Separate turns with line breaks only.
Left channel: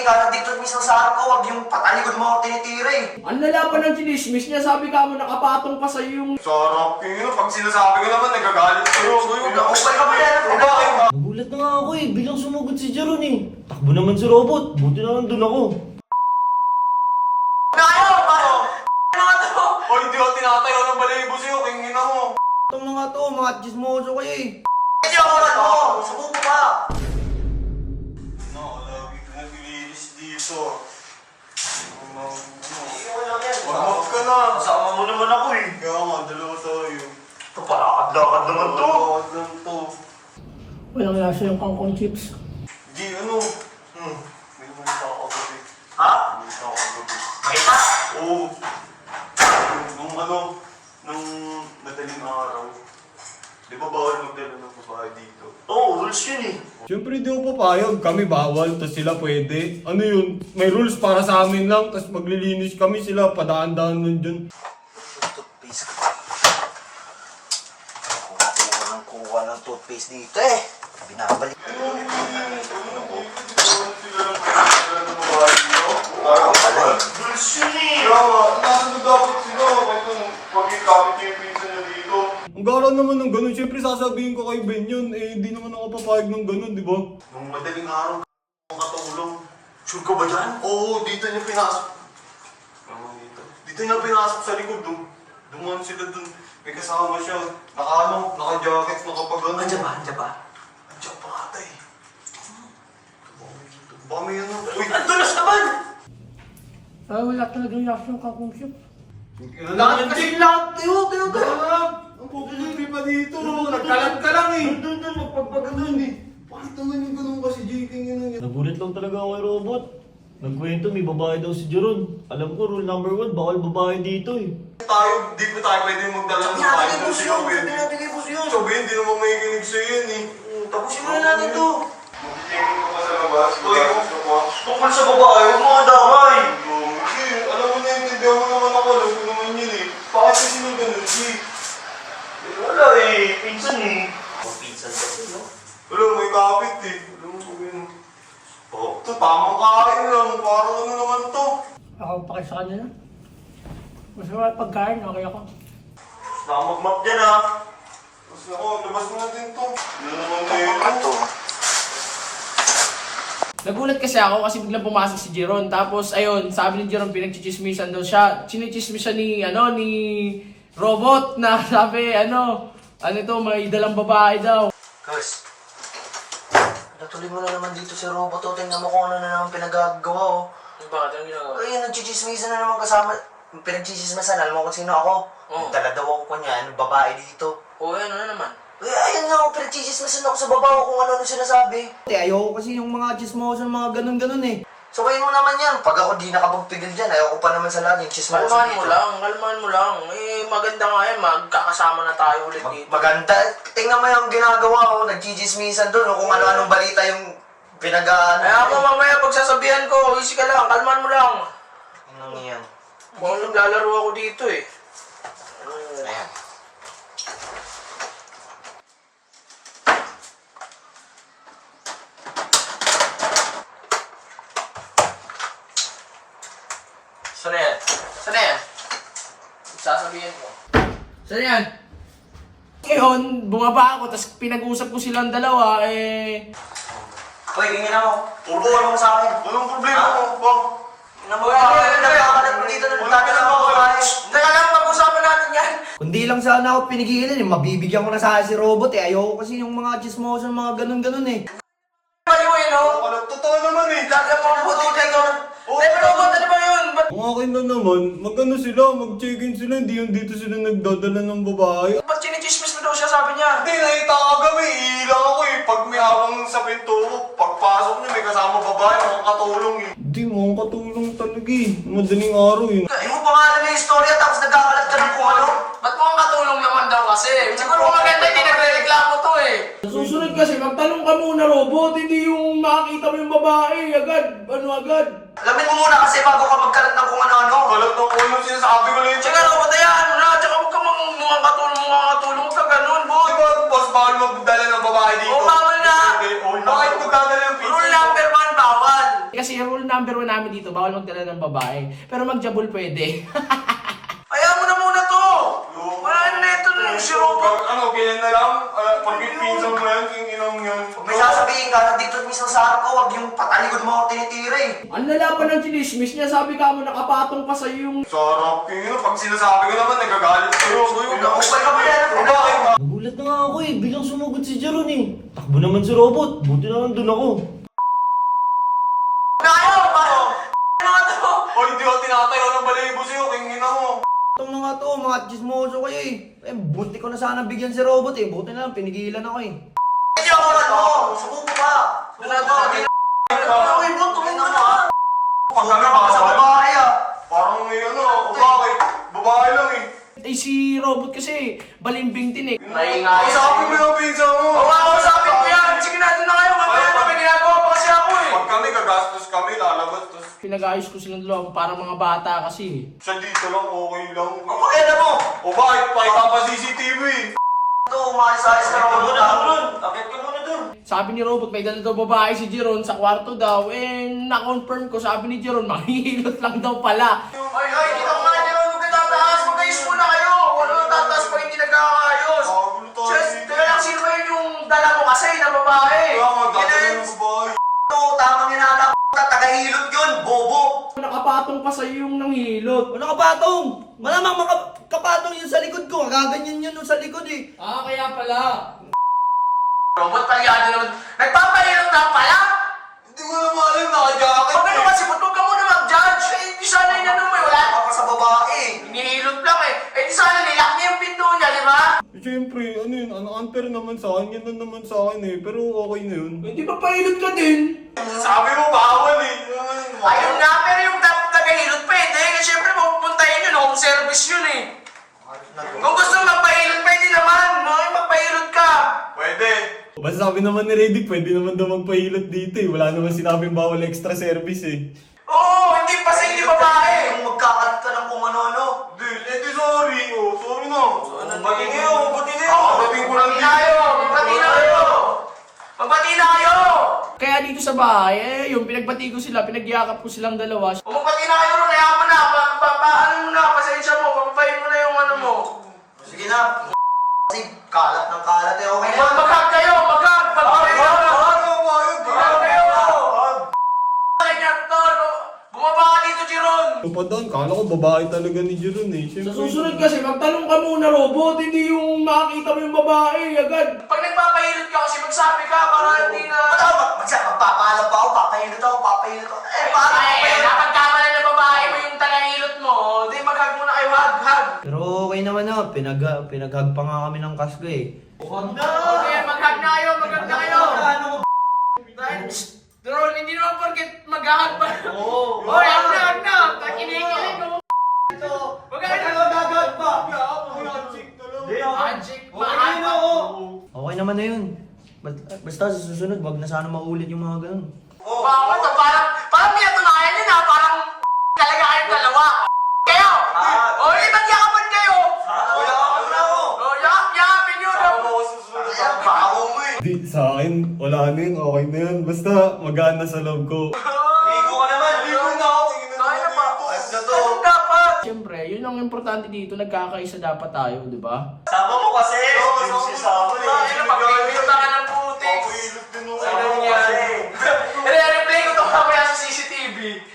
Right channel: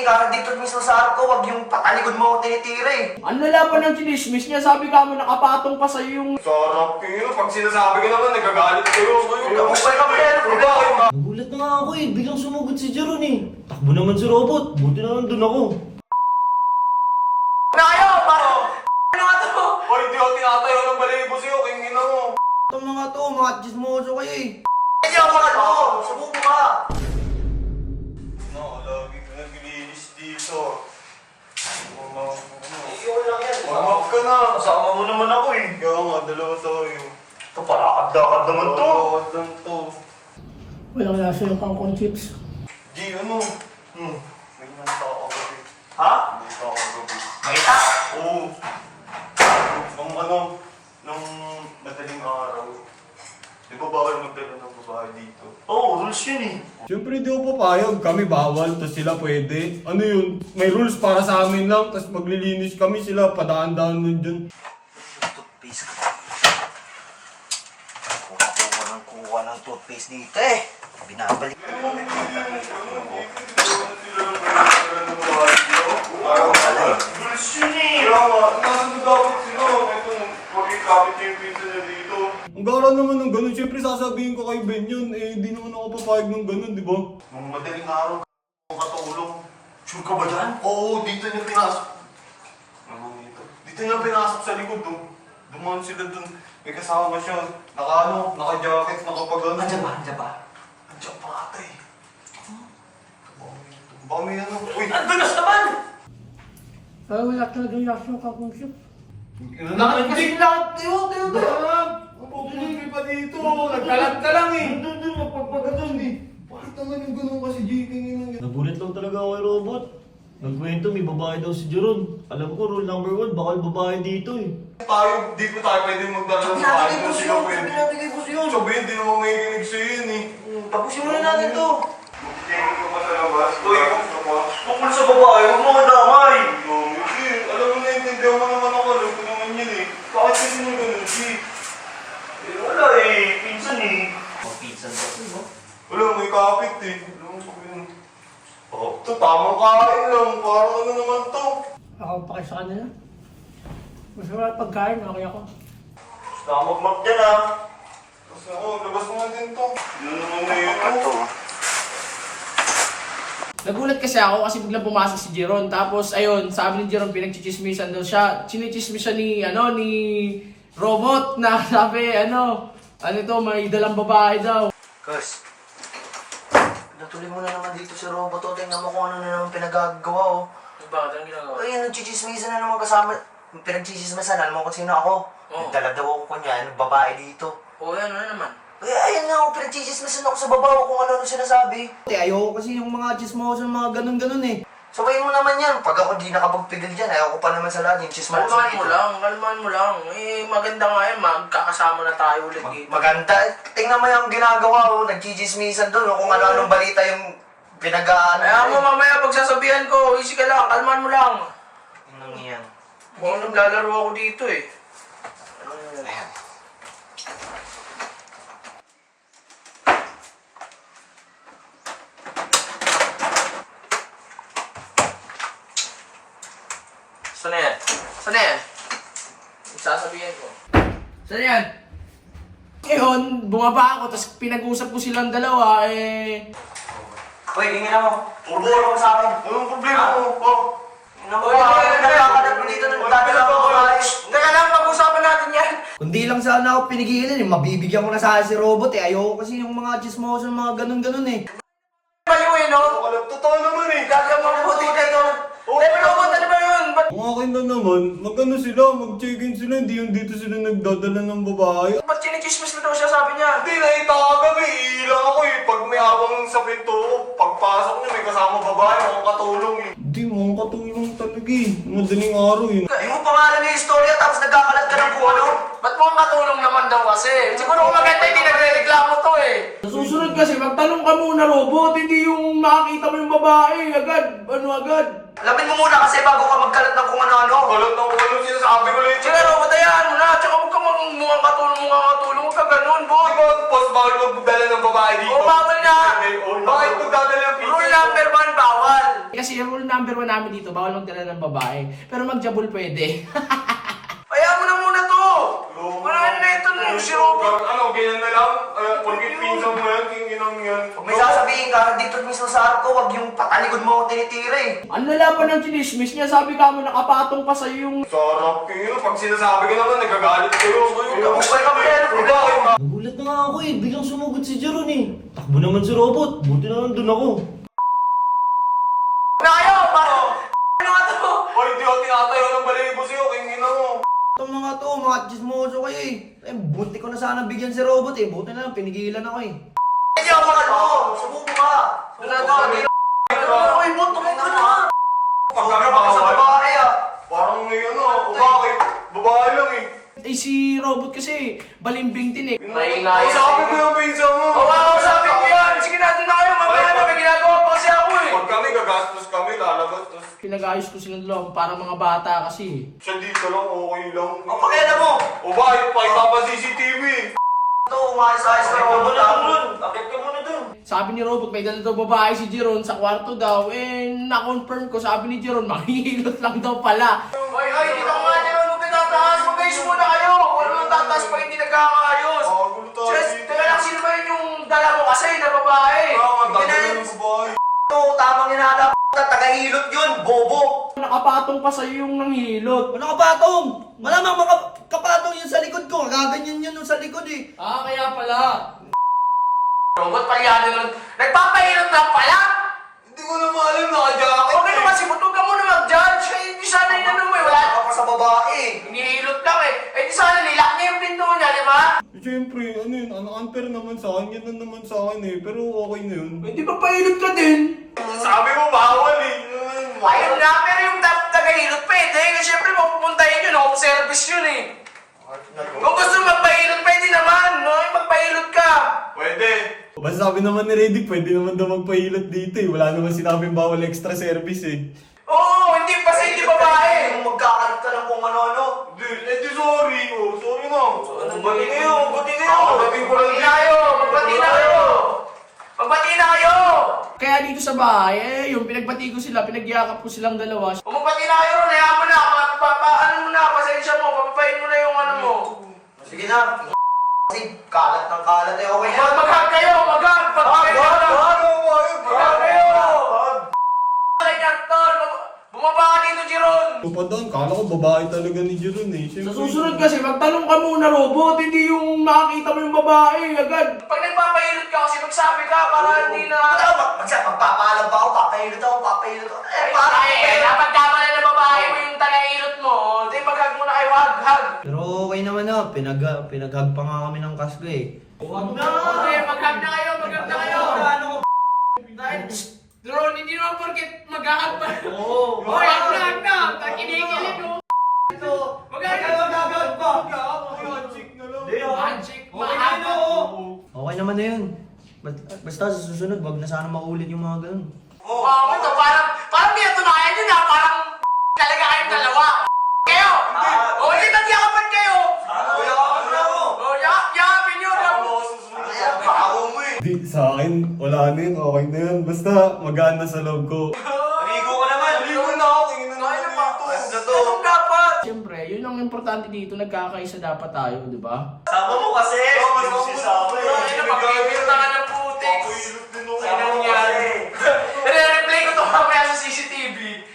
ikaw dito mismo sa harap ko, wag yung patalikod mo ako tinitira eh.
Ang lalaban ng chinismis niya, sabi ka mo nakapatong pa sa'yo yung...
Sarap kayo. Pag sinasabi ko naman, nagagalit kayo.
Kapag ka pala,
Nagulat na nga ako eh, bilang sumugod si Jeron eh. Takbo naman si Robot, buti na nandun ako.
Nayo! Mga to!
Hoy, di ako tinatayo ng balibo sa'yo. Kingin ako.
Itong mga to, mga chismoso kayo eh.
Hindi ako mga to! Subuko ka!
No, lagi ko naglilinis dito.
Iyon lang yan.
Wag ka na.
Kasama mo naman ako eh.
Kaya nga, dalawa tayo.
Ito, parakad-lakad naman to.
Wag lang to.
Walang lasa yung kangkong chips.
G, ano? May manita ako gabi.
Ha?
Manita ako gabi.
Makita?
Oo. Nung madaling araw. Di ba bawal magdala ng babae dito?
Oo, rules yun eh.
Siyempre di ako papayag, kami bawal, tapos sila pwede. Ano yun, may rules para sa amin lang, tapos maglilinis kami sila, padaan-daan nun dyan.
Toothpaste ka. Kuha ng toothpaste dito eh. Binabalik.
Rules yun eh! Kaya nga, nandun dapat sila. Ito, pag-ikapit yung pizza niya dito.
Ang gara naman ng ganun, siyempre sasabihin ko kay Ben yun, eh di naman ako papayag ng ganun, di ba?
Nung madaling araw, katulong. Sure ka ba dyan? Oo, dito niya pinasok. Ano dito? Dito niya pinasok sa likod doon. Dumaan sila doon. May kasama siya. Naka-jacket, nakapagano.
Andiyan ba? Andiyan ba?
Andiyan pa ata eh. Baka may ano. Uy!
Ang dulas naman!
Ay, wala talaga yung lasa yung kangkong chips.
Bakit kasi lahat? Tayo! Ang pupunin pa dito! Nagkalat ka lang eh! Doon, magpagpaganon eh! Bakit naman yung ganun kasi JK nga?
Nagulat lang talaga ako kay Robot. Nagkwento, may babae daw si Jeron. Alam ko, rule number 1, bawal babae dito eh.
Tayo, di pa tayo pwede magdala ng
Sabi
tayo.
ko sa'yo, sabi natin kay Boss yun.
Sabi, hindi naman may kinig sa'yo yun eh.
Tapusin mo na natin to.
Mag-tingin ka pa sa labas. Uy,
Tungkol sa babae, huwag mo kadamay.
Hindi, alam mo naiintindihan mo naman ako. Alam ko naman yun eh. Bakit kasi nung ganun si?
Wala eh, pinsan eh. Pinsan ba ito?
Wala, may kapit eh. Alam mo sabi mo. Oh, ito tamang kain lang. Parang ano naman to.
Ako pa kayo sa kanila. Mas wala pagkain, okay ako.
Nakamagmap dyan ah.
Kasi ako, labas mo na din to. Ano naman na ito?
Nagulat kasi ako kasi biglang pumasok si Jeron. Tapos ayun, sabi ni Jeron pinagchichismisan daw siya. Sinichismisan ni Robot na sabi ano ito, may dalang babae daw.
Kurs, natuloy mo na naman dito sa robot o. Tingnan mo kung ano na naman pinagagawa o. Bakit? Ang ginagawa? Ay, nagchichismisan na naman kasama. Pinagchichismisan, alam mo kung sino ako? Nagdala daw ako kanya, babae dito.
Oo, ano na naman?
Ay, ayan nga ako, pinagchichismisan ako sa babaw kung ano sinasabi.
Ayoko kasi yung mga chismoso, mga ganun-ganun eh.
Sabayin mo naman yan. Pag ako di nakapagpigil dyan, ayoko pa naman sa lahat yung chismoso
Kalmahan mo lang. Eh, maganda nga yan. Magkakasama na tayo ulit dito.
Maganda. Tingnan mo yung ginagawa ko. Nagchichismisan doon. Kung ano-anong balita yung pinag-ano.
Kaya mo mamaya pagsasabihan ko, easy ka lang, kalmahan mo lang.
Ano yan?
Kung naglalaro ako dito eh.
Ayan.
Saan na yan? Saan na yan? Sasabihin ko.
Saan yan? Ngayon, bumaba ako, tapos pinag-usap ko silang dalawa, eh...
Hoy, ingin ako. Tulungan mo sa akin.
Walang problema mo po.
Tingnan mo nakakalat mo dito ng dadala mo babae.
Teka lang, pag-usapan natin yan.
Kundi lang sana ako pinigilan eh, mabibigyan ko na sana si Robot eh. Ayoko kasi yung mga chismoso, mga ganun-ganun eh.
Balik mo yun, no?
Totoo naman eh.
Gagawin mo buti kayo. Eh, pero ano ba yun?
Ang akin na naman, mag-ano sila, mag-check-in sila, hindi yung dito sila nagdadala ng babae.
Ba't chinichismis mo daw siya, sabi niya?
Hindi, nakita ka kagabi. Ilang ako eh. Pag may habang sa pinto, pagpasok niya, may kasama babae, makakatulong eh.
Hindi, mukhang katulong talaga eh. Madaling araw eh.
Hindi mo pa nga alam yung istorya tapos nagkakalat ka ng kung ano.
Ba't mo ang katulong naman daw kasi? Siguro kung maganda, hindi nagre-reklamo to eh.
Sa susunod kasi, magtanong ka muna, Robot, hindi yung makakita mo yung babae, agad, agad.
Alamin mo muna kasi bago ka magkalat ng kung ano-ano.
Kalat ng ulo sinasabi ko lang.
Siguro, patayaan mo na. Tsaka huwag ka mukhang katulong. Huwag ka ganun, boy.
Di ba, boss, bawal magdala ng babae dito?
Oo, bawal na.
Hindi, bakit magdadala yung pizza?
Rule number 1, bawal.
Kasi kasi rule number 1 namin dito, bawal magdala ng babae. Pero magjabul pwede.
Ayaw mo na muna to! Wala na ito na si Robot.
Ano, ganyan na lang? Porkit pinsan mo yan, kinginang yun.
Pag may sasabihin ka, nandito mismo sa harap ko, wag yung patalikod mo ako tinitira eh.
Ang lalaban ng chinismis niya, sabi ka mo nakapatong pa sa'yo yung...
Sarap kayo. Pag sinasabi ko naman, nagagalit kayo.
Upal ka pa yan,
Nagulat na nga ako eh, biglang sumugod si Jeron eh. Takbo naman si Robot, buti na nandun ako.
Nayo! Mga to!
Hoy, hindi ako tinatayo ng balibo sa'yo, kingina mo.
Itong mga to, mga chismoso kayo eh. Buti ko na sana bigyan si Robot eh. Buti na lang, pinigilan ako eh.
Hindi ako mat mo, sumuko ka.
Ano yung bunto mo ka na?
Pag kami
Sumuko ka sa babae ah.
parang may ano, babae. Babae lang eh.
Eh si Robot kasi, balimbing din eh.
Naingayan.
Sabi mo yung pinsan mo.
Sabi ko yan! Sige natin na kayo! Magkano may ginagawa pa kasi ako eh!
Pag kami gagastos kami, lalabas. Tapos
Pinag-ayos ko silang dalawa, parang mga bata kasi.
siya dito lang, okay lang.
Ang pakita mo.
O bakit? Pakita CCTV.
Ito, umayos-ayos ka ako lang.
Bakit ka muna dun?
Sabi ni Robot, may dala daw babae si Jeron sa kwarto daw. Eh, na-confirm ko, sabi ni Jeron, mahihilot lang daw pala.
Ay, dito nga niyo! Huwag kayo tataas! Magayos muna kayo! Wala nang tataas pa hindi nagkakayos!
Bagulo tayo.
Just, teka lang, sino ba yun yung dala mo kasi na babae?
Kaya nga, dadali ng babae.
Ito, tamang inadap. Taga-ilot yun, bobo.
Nakapatong pa sa'yo yung nanghilot.
Ano kapatong? Malamang makapatong yun sa likod ko. Gaganyan yun sa likod eh.
Ah, kaya pala.
Robot pa yan nun. Nagpapahirap lang pala!
Hindi ko na malam, naka-jacket
Huwag ano
eh.
kasi, ba't huwag ka muna mag-judge? Eh, di sana yun ano mo eh, wala.
Wala ka pa sa babae.
Hinihilot lang eh. Eh, di sana nilak niya yung pinto niya, di ba?
Siyempre, ano yun, unfair naman sa akin, yan na naman sa akin eh, pero okay na yun.
Hindi ba pahilot ka din?
Sabi mo, bawal eh.
Ayun nga, pero yung nagahilot pwede. Kasi syempre, mapupuntahin yun, home service yun eh. Kung gusto magpahilot, pwede naman. Magpahilot ka.
Pwede.
Basta sabi naman ni Reddick, pwede naman daw magpahilot dito eh. Wala naman sinabing bawal extra service eh.
Oo, hindi pa sa hindi babae.
Yung magkakalit ka lang kung ano-ano.
Di sorry. Oh, sorry na.
Bati kayo, bati kayo.
Kakating ko lang
Magbati na kayo, magbati na kayo. Magbati na kayo.
Kaya dito sa bahay, eh, yung pinagbati ko sila, pinagyakap ko silang dalawa.
Kung magbati na kayo, hayaan mo na. Ano mo na, pasensya mo. Papapayin mo na yung ano mo.
Sige na. Kasi kalat ng kalat eh. Okay na.
Mag-hug kayo, mag-hug. Mag-hug kayo. Bumaba ka dito, Jeron!
Pa doon, kala ko babae talaga ni Jeron eh.
Sa susunod kasi, magtanong ka muna, Robot, hindi yung makakita mo yung babae agad.
Pag nagpapahilot ka kasi magsabi ka para hindi na...
Magpapaalam ba ako? Papahilot ako, papahilot ako. Eh, paano ako pa yun?
napagkamala na babae mo yung tagahilot mo, di mag-hug muna kayo, hug.
Pero okay naman na, pinaghag pa nga kami ng kasko eh.
Okay, mag-hug na kayo, mag-hug na kayo! Jeron, hindi naman porket mag-hug pa. Oo. Hoy, hug na! Kinikilig mo. Mag-hug pa! Magic!
Okay naman na yun. Basta sa susunod, wag na sana maulit yung mga ganun.
Bakit? Parang may natunayan yun ha, parang talaga kayong dalawa. Kayo! O, lipat yakapan kayo! Yakapin nyo!
Di, sa akin, wala na yun, okay na yun. Basta magana sa loob ko.
Ligo ka naman. Ligo na ako. Tingnan mo
Kaya pa.
dito.
Ganun dapat!
Siyempre, yun ang importante dito, nagkakaisa dapat tayo, di ba?
Sama mo kasi.
Ay, napag-ibig ka na ng putik.
Papahilot din ako.
Ano nangyari? I-replay ko to mamaya sa CCTV.